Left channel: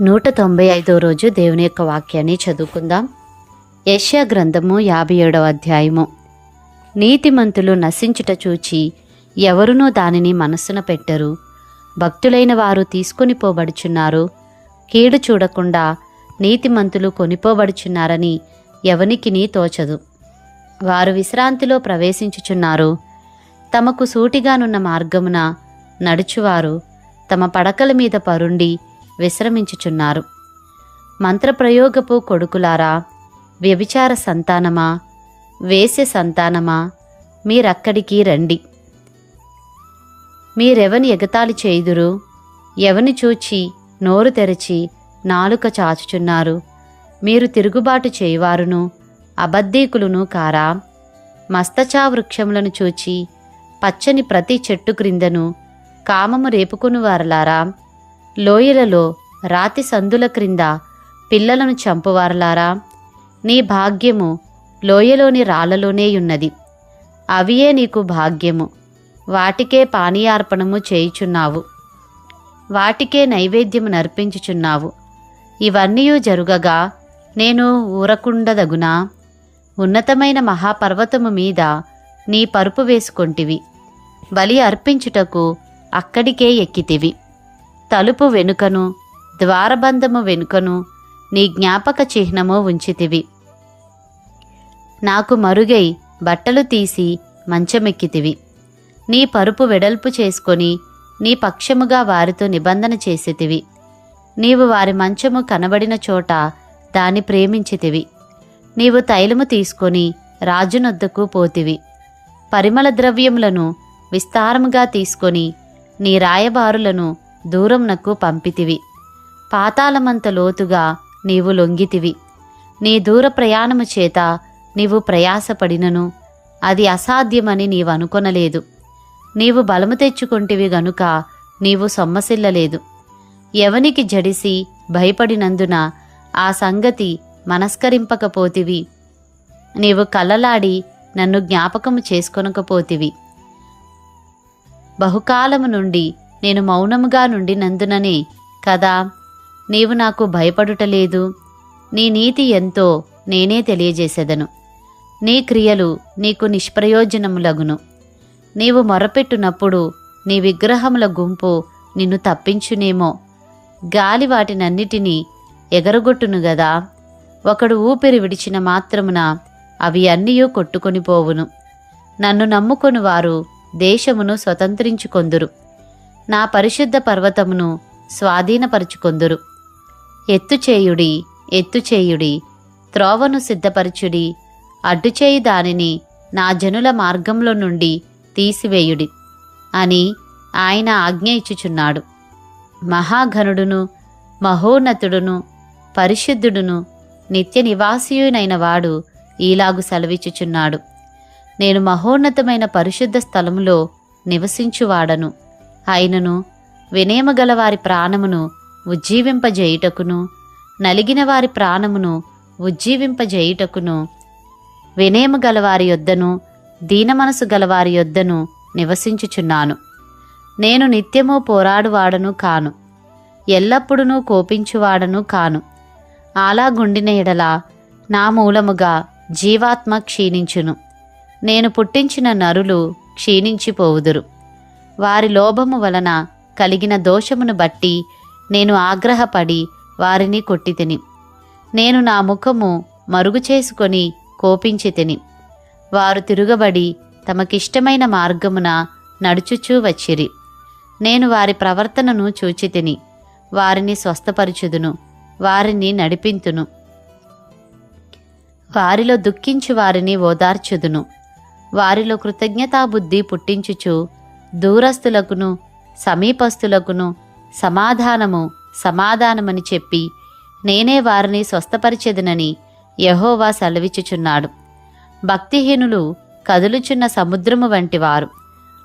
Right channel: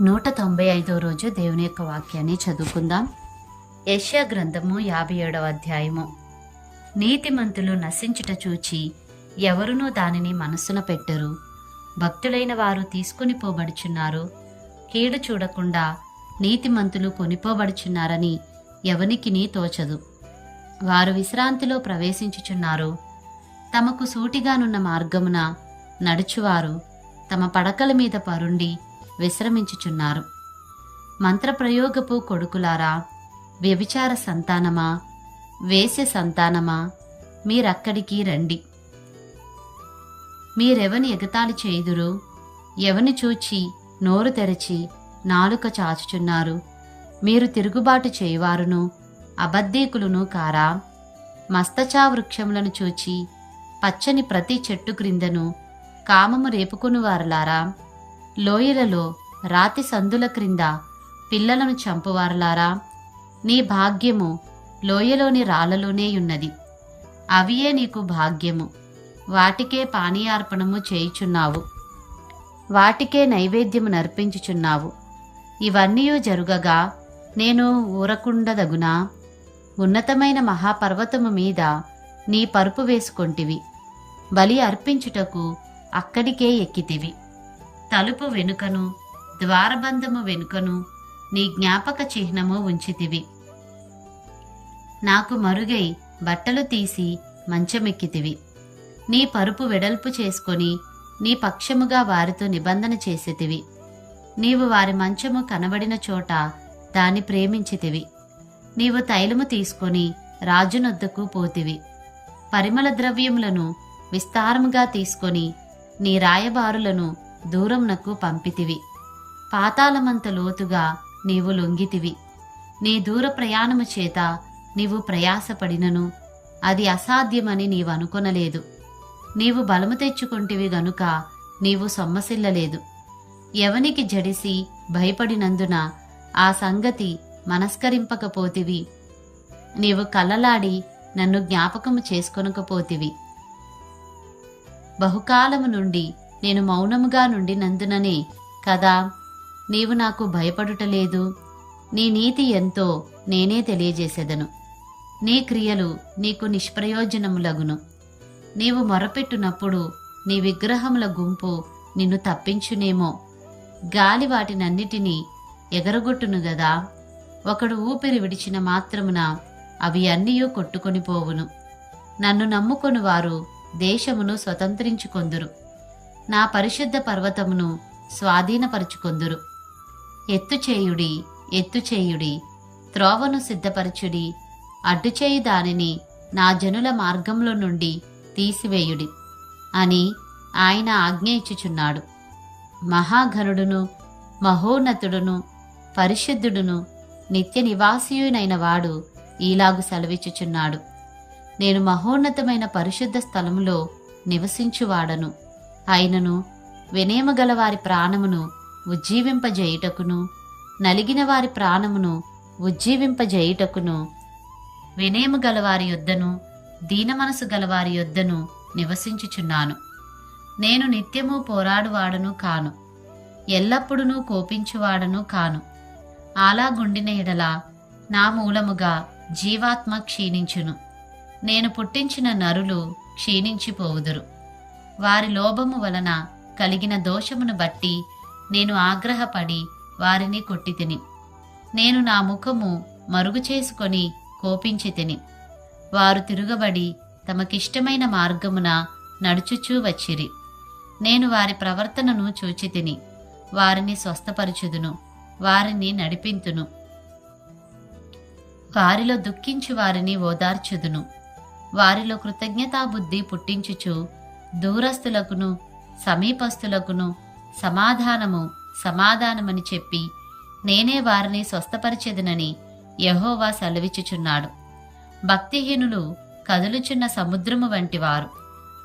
నూట తొంభై ఐదో రోజు దేవుని యొక్క వాక్యాన్ని చదువుకుందాం. యష్యా గ్రంథము యాభై ఏడవ అధ్యాయము. నీతిమంతులు నశించుట చూచి ఎవరునూ దానిని మనస్సున పెట్టరు. భక్తులైన వారు తీసుకొని పోబడుచున్నారు. కీడు చూడకుండా నీతిమంతులు కొనిపోబడుచున్నారని ఎవనికిని తోచదు. వారు విశ్రాంతిలో ప్రవేశించుచున్నారు. తమకు సూటిగానున్న మార్గమున నడుచువారు. తమ పడకల మీద పరుండి విశ్రమించుచున్నారు. మంత్రప్రయోగపు కొడుకులారా వ్యభిచార సంతానమా వేసె సంతానమా మీరక్కడికి రండి. మీరెవని ఎగతాళి చేయుదురు? ఎవని చూచి నోరు తెరచి నాలుక చాచుచున్నారు? మీరు తిరుగుబాటు చేయువారును అబద్ధీకులును కారా? మస్తచా వృక్షములను చూచి పచ్చని ప్రతి చెట్టు క్రిందను కామము రేపుకుని వారలారా లోయలలో రాతి సందుల క్రింద పిల్లలను చంపువారలారా. నీ భాగ్యము లోయలోని రాళ్ళలోనే ఉన్నది. అవియే నీకు భాగ్యము. వాటికే పానీయార్పణము చేయుచున్నావు. వాటికే నైవేద్యము నర్పించుచున్నావు. ఇవన్నీ జరుగగా నేను ఊరకుండదగునా? ఉన్నతమైన మహాపర్వతము మీద నీ పరుపు వేసుకొంటివి. బలి అర్పించుటకు అక్కడికే ఎక్కితివి. తలుపు వెనుకను ద్వారబంధము వెనుకను నీ జ్ఞాపక చిహ్నము ఉంచితివి. నాకు మరుగై బట్టలు తీసి మంచమెక్కితివి. నీ పరుపు వెడల్పు చేసుకొని నీ పక్షముగా వారితో నిబంధన చేసేతివి. నీవు వారి మంచము కనబడిన చోట దాని ప్రేమించితివి. నీవు తైలము తీసుకొని రాజునొద్దకు పోతివి. పరిమళ ద్రవ్యములను విస్తారముగా తీసుకొని నీ రాయబారులను దూరంనకు పంపితివి. పాతాళమంత లోతుగా నీవు లొంగితివి. నీ దూర ప్రయాణము చేత నీవు ప్రయాసపడినను. అది అసాధ్యమని నీవు అనుకొనలేదు నీవు బలము తెచ్చుకుంటివి గనుక నీవు సొమ్మసిల్లలేదు. ఎవనికి జడిసి భయపడినందున ఆ సంగతి మనస్కరింపకపోతివి. నీవు కలలాడి నన్ను జ్ఞాపకము చేసుకొనకపోతివి. బహుకాలము నుండి నేను మౌనముగా నుండినందుననే కదా నీవు నాకు భయపడుటలేదు. నీ నీతి ఎంతో నేనే తెలియజేసేదను. నీ క్రియలు నీకు నిష్ప్రయోజనములగును. నీవు మొరపెట్టునప్పుడు నీ విగ్రహముల గుంపు నిన్ను తప్పించునేమో. గాలి వాటినన్నిటినీ ఎగరగొట్టును గదా. ఒకడు ఊపిరి విడిచిన మాత్రమున అవి అన్నీయూ కొట్టుకొని పోవును. నన్ను నమ్ముకొని వారు దేశమును స్వతంత్రించుకొందురు. నా పరిశుద్ధ పర్వతమును స్వాధీనపరుచుకొందురు. ఎత్తుచేయుడి ఎత్తుచేయుడి త్రోవను సిద్ధపరచుడి అడ్డుచేయి దానిని నా జనుల మార్గంలో నుండి తీసివేయుడి అని ఆయన ఆజ్ఞ ఇచ్చుచున్నాడు. మహాఘనుడును మహోన్నతుడును పరిశుద్ధుడును నిత్య నివాసియునైన వాడు ఈలాగు సెలవిచ్చుచున్నాడు. నేను మహోన్నతమైన పరిశుద్ధ స్థలములో నివసించువాడను. ఆయనను వినేమగల వారి ప్రాణమును ఉజ్జీవింపజేయుటకును నలిగిన వారి ప్రాణమును ఉజ్జీవింపజేయుటకును వినేము గలవారి యొద్దను దీనమనసు గలవారి యొద్దను నివసించుచున్నాను. నేను నిత్యము పోరాడువాడను కాను ఎల్లప్పుడూ కోపించువాడను కాను. అలాగుండిన ఎడల నా మూలముగా జీవాత్మ క్షీణించును. నేను పుట్టించిన నరులు క్షీణించిపోవుదురు. వారి లోభము వలన కలిగిన దోషమును బట్టి నేను ఆగ్రహపడి వారిని కొట్టితిని. నేను నా ముఖము మరుగు చేసుకొని కోపించి తిని వారు తిరుగబడి తమకిష్టమైన మార్గమున నడుచుచూ వచ్చిరి. నేను వారి ప్రవర్తనను చూచి తిని వారిని స్వస్థపరచుదును. వారిని నడిపింతును. వారిలో దుఃఖించు వారిని ఓదార్చుదును. వారిలో కృతజ్ఞతాబుద్ధి పుట్టించుచు దూరస్థులకును సమీపస్థులకును సమాధానము సమాధానమని చెప్పి నేనే వారిని స్వస్థపరిచెదనని యహోవా సెలవిచ్చుచున్నాడు. భక్తిహీనులు కదులుచున్న సముద్రము వంటివారు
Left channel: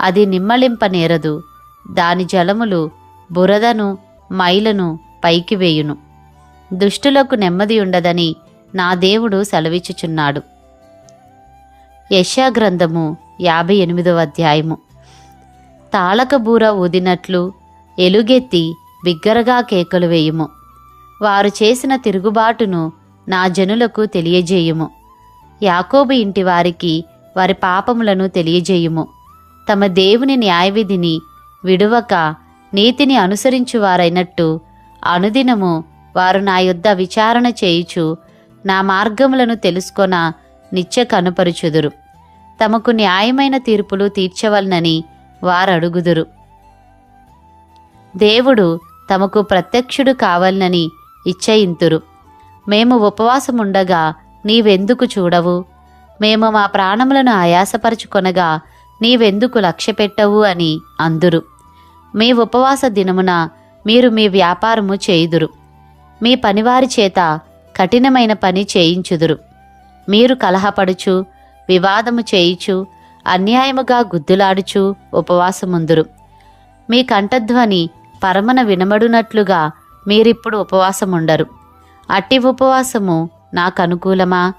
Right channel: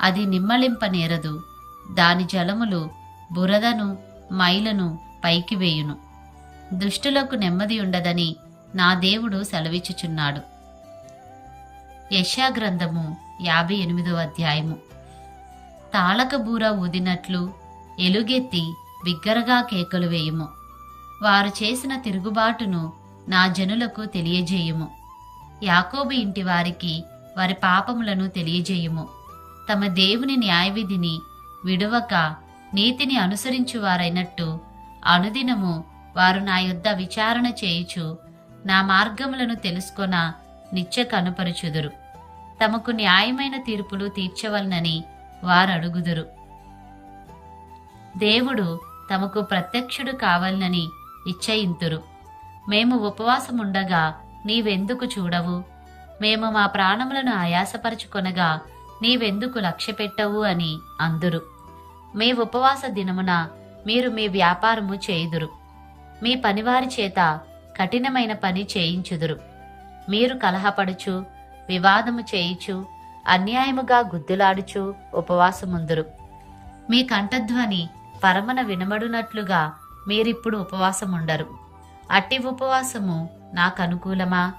అది నిమ్మలింప నేరదు. దాని జలములు బురదను మైలను పైకి వేయును. దుష్టులకు నెమ్మది ఉండదని నా దేవుడు సెలవిచ్చుచున్నాడు. యశాగ్రంథము యాభై ఎనిమిదవ అధ్యాయము. తాళకబూర ఊదినట్లు ఎలుగెత్తి బిగ్గరగా కేకలు వేయుము. వారు చేసిన తిరుగుబాటును నా జనులకు తెలియజేయుము. యాకోబు ఇంటి వారికి వారి పాపములను తెలియజేయుము. తమ దేవుని న్యాయవిధిని విడువక నీతిని అనుసరించువారైనట్టు అనుదినము వారు నా యుద్ధ విచారణ చేయుచు నా మార్గములను తెలుసుకొన నిత్య కనుపరుచుదురు. తమకు న్యాయమైన తీర్పులు తీర్చవలనని వారడుగుదురు. దేవుడు తమకు ప్రత్యక్షుడు కావాలనని ఇచ్చయింతురు. మేము ఉపవాసముండగా నీవెందుకు చూడవు? మేము మా ప్రాణములను ఆయాసపరుచుకొనగా నీవెందుకు లక్ష్యపెట్టవు అని అందురు. మీ ఉపవాస దినమున మీరు మీ వ్యాపారము చేయుదురు. మీ పనివారి చేత కఠినమైన పని చేయించుదురు. మీరు కలహపడుచు వివాదము చేయుచు అన్యాయముగా గుద్దులాడుచు ఉపవాసముందురు. మీ కంఠధ్వని పరమన వినబడునట్లుగా మీరిప్పుడు ఉపవాసముండరు. అట్టి ఉపవాసము నాకు అనుకూలమా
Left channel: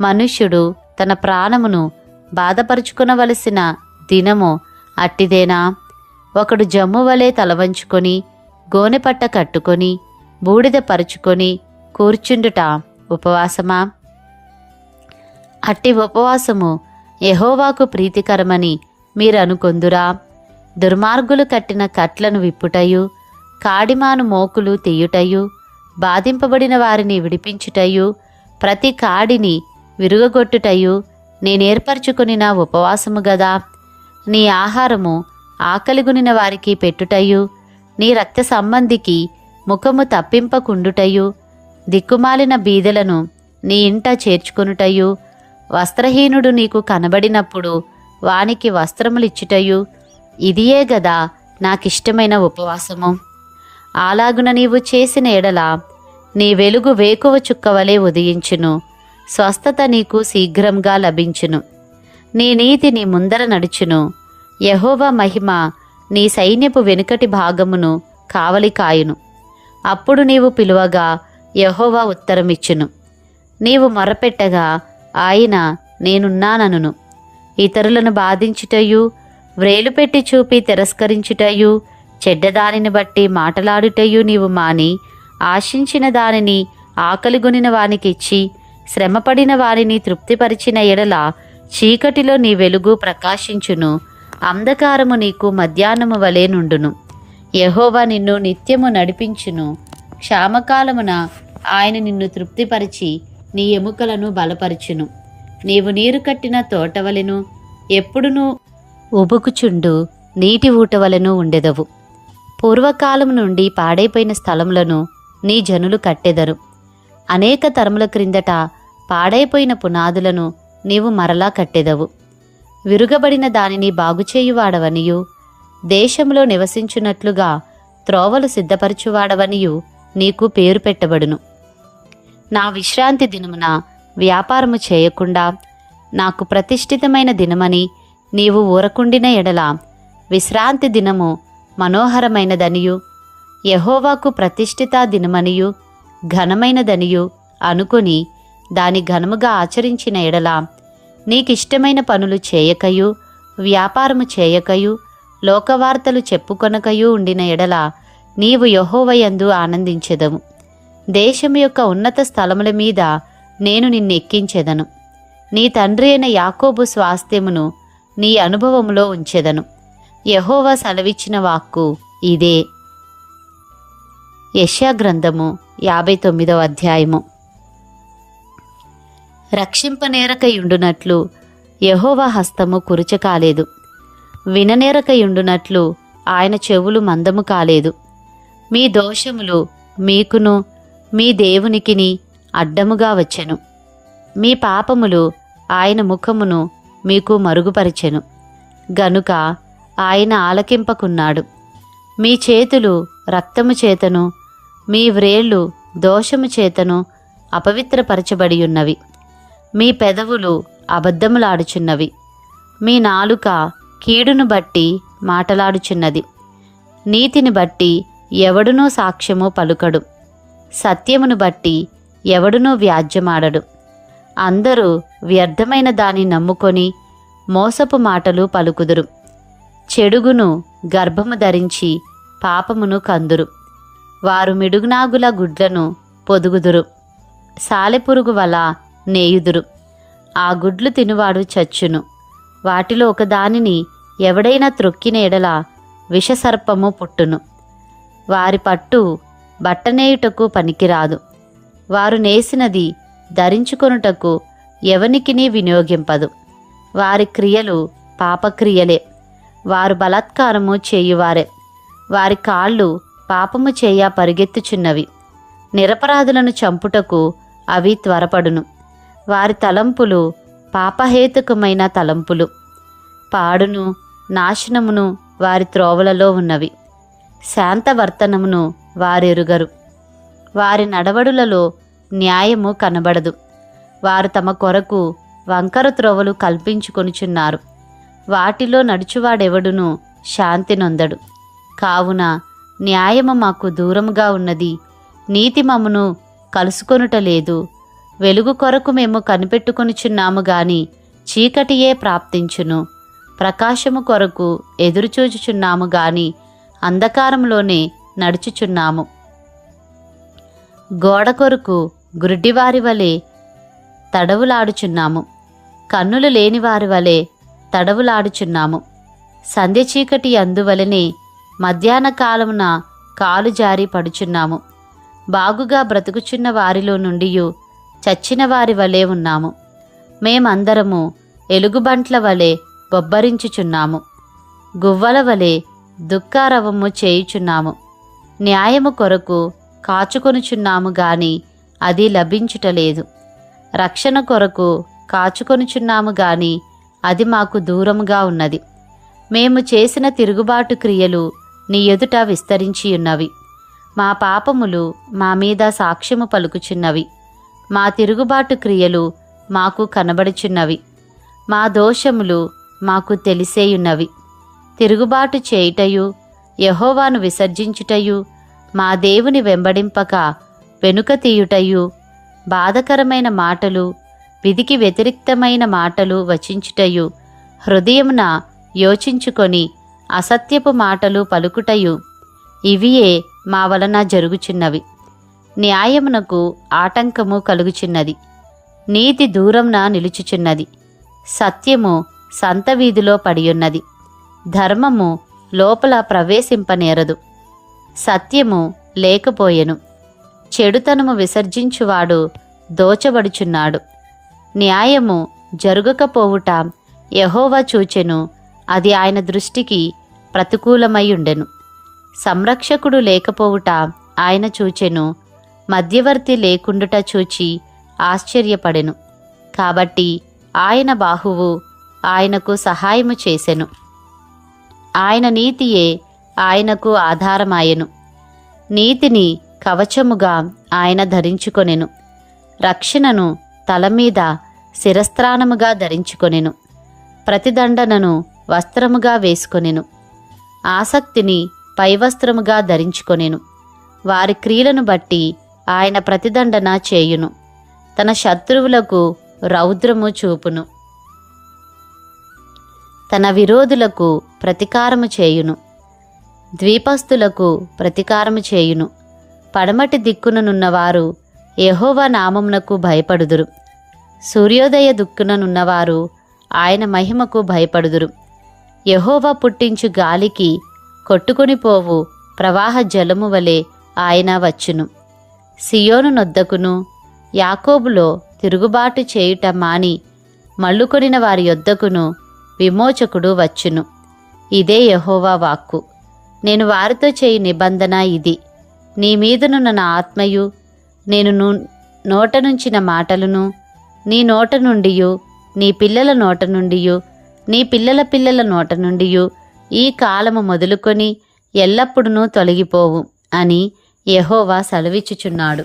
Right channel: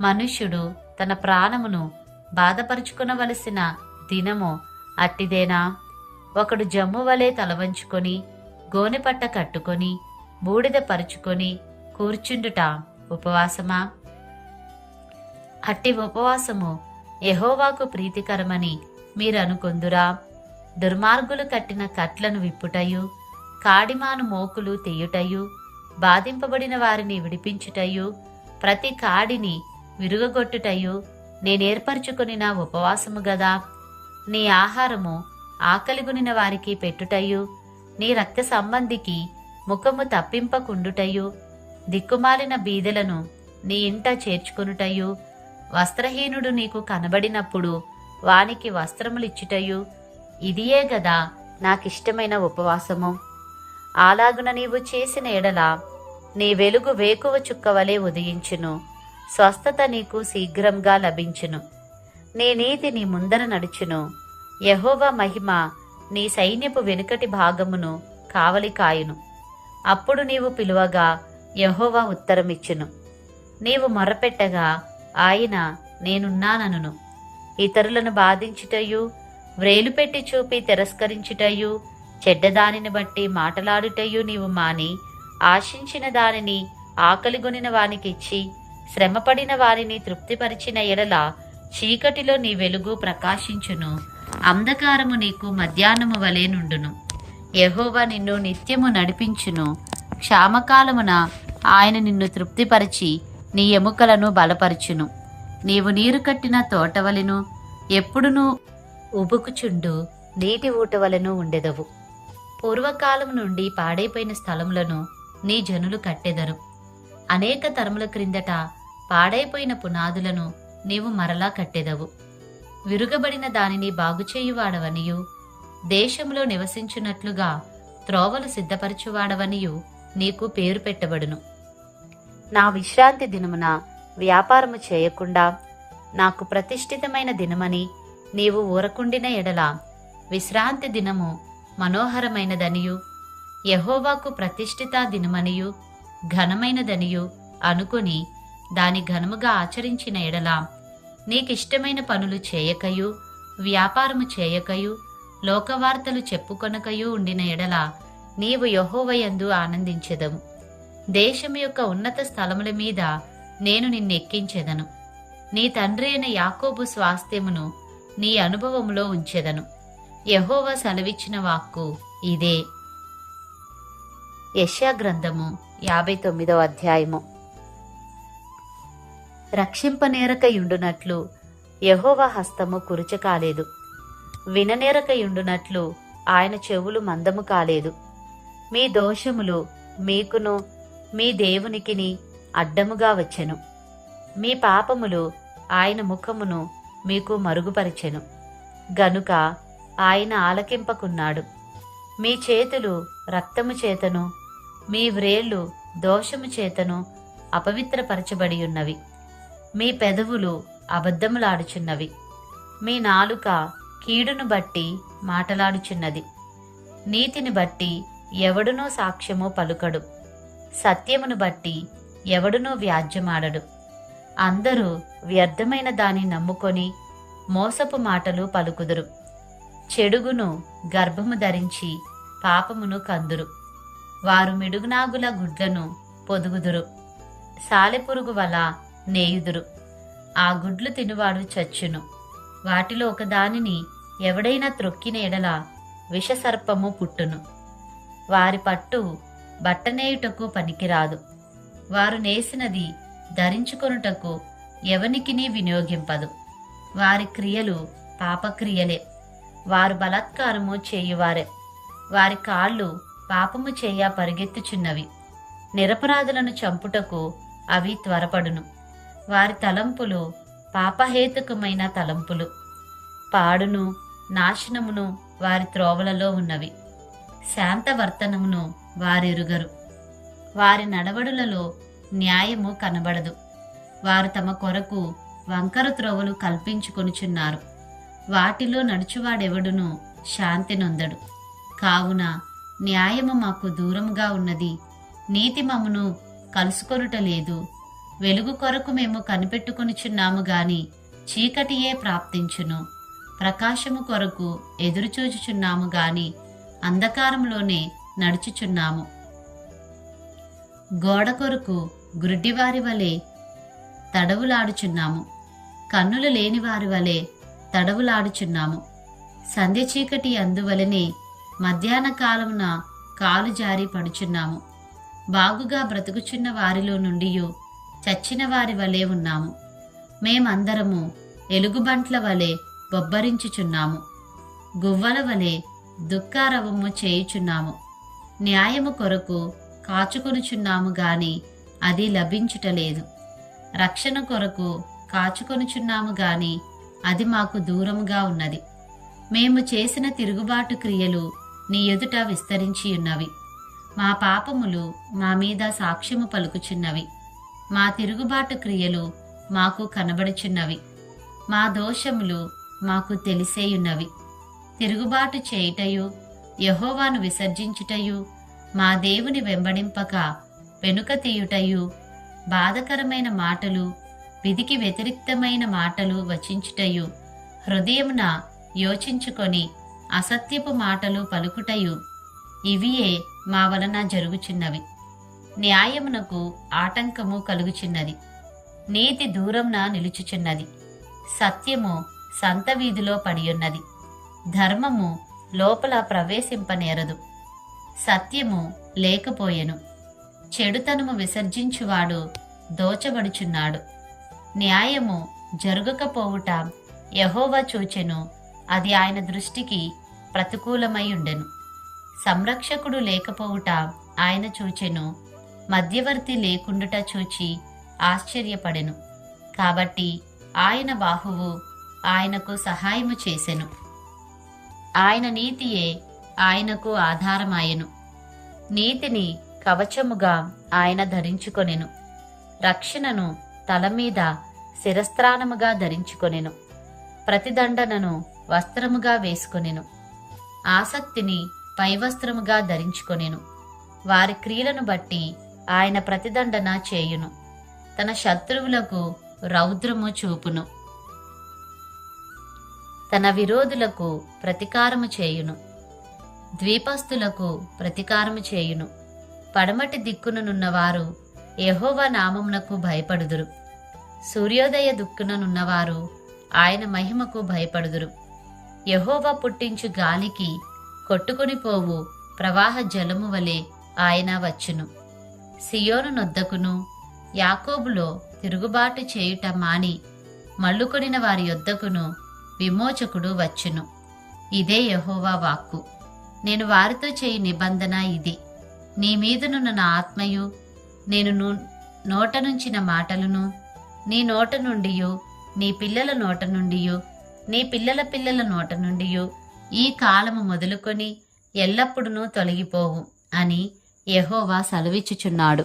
మనుష్యుడు తన ప్రాణమును బాధపరుచుకునవలసిన దినము అట్టిదేనా? ఒకడు జమ్ము వలె తలవంచుకొని గోనెపట్ట కట్టుకొని బూడిద పరుచుకొని కూర్చుండుట ఉపవాసమా? అట్టి ఉపవాసము ఎహోవాకు ప్రీతికరమని మీరు అనుకొందురా దుర్మార్గులు కట్టిన కట్లను విప్పుటయు కాడిమాను మోకులు తీయుటయు బాధింపబడిన వారిని విడిపించుటయు ప్రతి కాడిని విరుగగొట్టుటయు నేనేర్పరచుకుని నా ఉపవాసము గదా. నీ ఆహారము ఆకలిగునిన వారికి పెట్టుటయు నీ రక్త సంబంధికి ముఖము తప్పింపకుండుటయు దిక్కుమాలిన బీదలను నీ ఇంట చేర్చుకొనుటయు వస్త్రహీనుడు నీకు కనబడినప్పుడు వానికి వస్త్రములిచ్చుటయు. ఇదియే గదా నాకిష్టమైన ఉపవాసము. అలాగున నీవు చేసిన ఎడల నీ వెలుగు వేకువ చుక్కవలే ఉదయించును. స్వస్థత నీకు శీఘ్రంగా లభించును. నీ నీతి నీ ముందర నడుచును. యహోవా మహిమ నీ సైన్యపు వెనుకటి భాగమును కావలి కాయును అప్పుడు నీవు పిలువగా యహోవా ఉత్తరమిచ్చును. నీవు మొరపెట్టగా ఆయన నేనున్నానను ఇతరులను బాధించుటయు వ్రేలు పెట్టి చూపి తిరస్కరించుటయు చెడ్డదానిని బట్టి మాటలాడుటయు నీవు మాని ఆశించిన దానిని ఆకలిగొనిన వానికిచ్చి శ్రమపడిన వారిని తృప్తిపరిచిన ఎడల చీకటిలో నీ వెలుగు ప్రకాశించును. అంధకారము నీకు మధ్యాహ్నము వలె నుండును. యహోవా నిన్ను నిత్యము నడిపించును. క్షామకాలమున ఆయన నిన్ను తృప్తిపరిచి నీ ఎముకలను బలపరుచును. నీవు నీరు కట్టిన తోటవలెను ఎప్పుడునూ ఉబుకుచుండు నీటి ఊటవలను ఉండెదవు. పూర్వకాలం నుండి పాడైపోయిన స్థలములను నీ జనులు కట్టెదరు. అనేక తరముల క్రిందట పాడైపోయిన పునాదులను నీవు మరలా కట్టెదవు. విరుగబడిన దానిని బాగుచేయువాడవనియు దేశంలో నివసించున్నట్లుగా త్రోవలు సిద్ధపరచువాడవనియు నీకు పేరు పెట్టబడును. నా విశ్రాంతి దినమున వ్యాపారము చేయకుండా నాకు ప్రతిష్ఠితమైన దినమని నీవు ఊరకుండిన ఎడల విశ్రాంతి దినము మనోహరమైనదనియు. యహోవాకు ప్రతిష్ఠిత దినమనియు ఘనమైనదనియు అనుకొని దాని ఘనముగా ఆచరించిన ఎడల నీకిష్టమైన పనులు చేయకయు వ్యాపారము చేయకయు లోకవార్తలు చెప్పుకొనకయు ఉండిన ఎడల నీవు యహోవయందు ఆనందించెదము. దేశం యొక్క ఉన్నత స్థలముల మీద నేను నిన్నెక్కించెదను. నీ తండ్రి అయిన యాకోబు స్వాస్థ్యమును నీ అనుభవములో ఉంచెదను. యహోవా సెలవిచ్చిన వాక్కు ఇదే. యెషయా గ్రంథము యాభై తొమ్మిదవ అధ్యాయము. రక్షింపనేరకయుండునట్లు యహోవా హస్తము కురుచ కాలేదు. విననేరకయుండునట్లు ఆయన చెవులు మందము కాలేదు. మీ దోషములు మీకును మీ దేవునికిని అడ్డముగా వచ్చెను. మీ పాపములు ఆయన ముఖమును మీకు మరుగుపరిచెను. గనుక ఆయన ఆలకింపకున్నాడు. మీ చేతులు రక్తము చేతను మీ వ్రేళ్ళు దోషము చేతను అపవిత్రపరచబడి ఉన్నవి మీ పెదవులు అబద్ధములాడుచున్నవి. మీ నాలుక కీడును బట్టి మాటలాడుచున్నది. నీతిని బట్టి ఎవడునూ సాక్ష్యము పలుకడు. సత్యమును బట్టి ఎవడునూ వ్యాజ్యమాడడు. అందరూ వ్యర్థమైన దాన్ని నమ్ముకొని మోసపు మాటలు పలుకుదురు. చెడుగును గర్భము ధరించి పాపమును కందురు. వారు మిడుగునాగుల గుడ్లను పొదుగుదురు. సాలెపురుగు వల నేయుదురు. ఆ గుడ్లు తినువాడు చచ్చును. వాటిలో ఒకదానిని ఎవడైనా త్రొక్కిన ఎడల విషసర్పము పుట్టును. వారి పట్టు బట్టనేయుటకు పనికిరాదు. వారు నేసినది ధరించుకొనుటకు ఎవనికిని వినియోగింపదు. వారి క్రియలు పాపక్రియలే. వారు బలాత్కారము చేయువారే. వారి కాళ్ళు పాపము చేయ పరిగెత్తుచున్నవి. నిరపరాధులను చంపుటకు అవి త్వరపడును. వారి తలంపులు పాపహేతుకమైన తలంపులు. పాడును నాశనమును వారి త్రోవలలో ఉన్నవి. శాంతవర్తనమును వారెరుగరు. వారి నడవడులలో న్యాయము కనబడదు. వారు తమ కొరకు వంకర త్రోవలు కల్పించుకొనుచున్నారు. వాటిలో నడుచువాడెవడును శాంతి నొందడు. కావున న్యాయము మాకు దూరముగా ఉన్నది. నీతి మమ్మును కలుసుకొనుట లేదు. వెలుగు కొరకు మేము కనిపెట్టుకొనుచున్నాము గాని చీకటియే ప్రాప్తించును. ప్రకాశము కొరకు ఎదురుచూచుచున్నాము గాని అంధకారంలోనే నడుచుచున్నాము. గోడ కొరకు గుడ్డివారి వలె తడవులాడుచున్నాము. కన్నులు లేనివారి వలె తడవులాడుచున్నాము. సంధ్య చీకటి అందువలనే మధ్యాహ్న కాలమున కాలు జారి పడుచున్నాము. బాగుగా బ్రతుకుచున్న వారిలో నుండి చచ్చిన వారి వలె ఉన్నాము. మేమందరము ఎలుగుబంట్ల వలె బొబ్బరించుచున్నాము. గువ్వల వలె దుఃఖారవము చేయుచున్నాము. న్యాయము కొరకు కాచుకొనుచున్నాము గాని అది లభించుటలేదు రక్షణ కొరకు కాచుకొనుచున్నాము గాని అది మాకు దూరముగా ఉన్నది. మేము చేసిన తిరుగుబాటు క్రియలు నీ ఎదుట విస్తరించి ఉన్నవి. మా పాపములు మా మీద సాక్ష్యము పలుకుచున్నవి. మా తిరుగుబాటు క్రియలు మాకు కనబడుచున్నవి. మా దోషములు మాకు తెలిసేయున్నవి. తిరుగుబాటు చేయుటయు యహోవాను విసర్జించుటయు మా దేవుని వెంబడింపక వెనుక తీయుటయు బాధకరమైన మాటలు విధికి వ్యతిరిక్తమైన మాటలు వచించుటయు హృదయమున యోచించుకొని అసత్యపు మాటలు పలుకుటయు ఇవియే మా వలన జరుగుచున్నవి. న్యాయమునకు ఆటంకము కలుగుచున్నది. నీతి దూరంన నిలుచుచున్నది. సత్యము సంత వీధిలో పడియున్నది. ధర్మము లోపల ప్రవేశింపనేరదు. సత్యము లేకపోయెను. చెడుతనము విసర్జించువాడు దోచబడుచున్నాడు. న్యాయము జరుగకపోవుట. యహోవా చూచెను అది ఆయన దృష్టికి ప్రతికూలమైండెను సంరక్షకుడు లేకపోవుట ఆయన చూచెను మధ్యవర్తి లేకుండుట చూచి ఆశ్చర్యపడెను. కాబట్టి ఆయన బాహువు ఆయనకు సహాయము చేసెను. ఆయన నీతియే ఆయనకు ఆధారమాయెను. నీతిని కవచముగా ఆయన ధరించుకొనెను. రక్షణను తల మీద శిరస్త్రాణముగా ధరించుకొనెను. ప్రతిదండనను వస్త్రముగా వేసుకొనెను. ఆసక్తిని పైవస్త్రముగా ధరించుకొనెను. వారి క్రియలను బట్టి ఆయన ప్రతిదండన చేయును. తన శత్రువులకు రౌద్రము చూపును. తన విరోధులకు ప్రతీకారము చేయును. ద్వీపస్తులకు ప్రతీకారము చేయును. పడమటి దిక్కుననున్నవారు యెహోవా నామమునకు భయపడుదురు. సూర్యోదయ దిక్కుననున్నవారు ఆయన మహిమకు భయపడుదురు. యెహోవా పుట్టించు గాలికి కొట్టుకొని పోవు ప్రవాహ జలము వలె ఆయన వచ్చును. సియోను నొద్దకును యాకోబులో తిరుగుబాటు చేయుట మాని మళ్ళుకొనిన వారి యొద్దకును విమోచకుడు వచ్చును. ఇదే యహోవా వాక్కు. నేను వారితో చేయి నిబంధన ఇది. నీ మీదనున్న నా ఆత్మయు నేను నోట నుంచిన మాటలను నీ నోట నుండియు నీ పిల్లల నోట నుండియు నీ పిల్లల పిల్లల నోట నుండియు ఈ కాలము మొదలుకొని ఎల్లప్పుడూ తొలగిపోవు అని యహోవా సెలవిచ్చుచున్నాడు.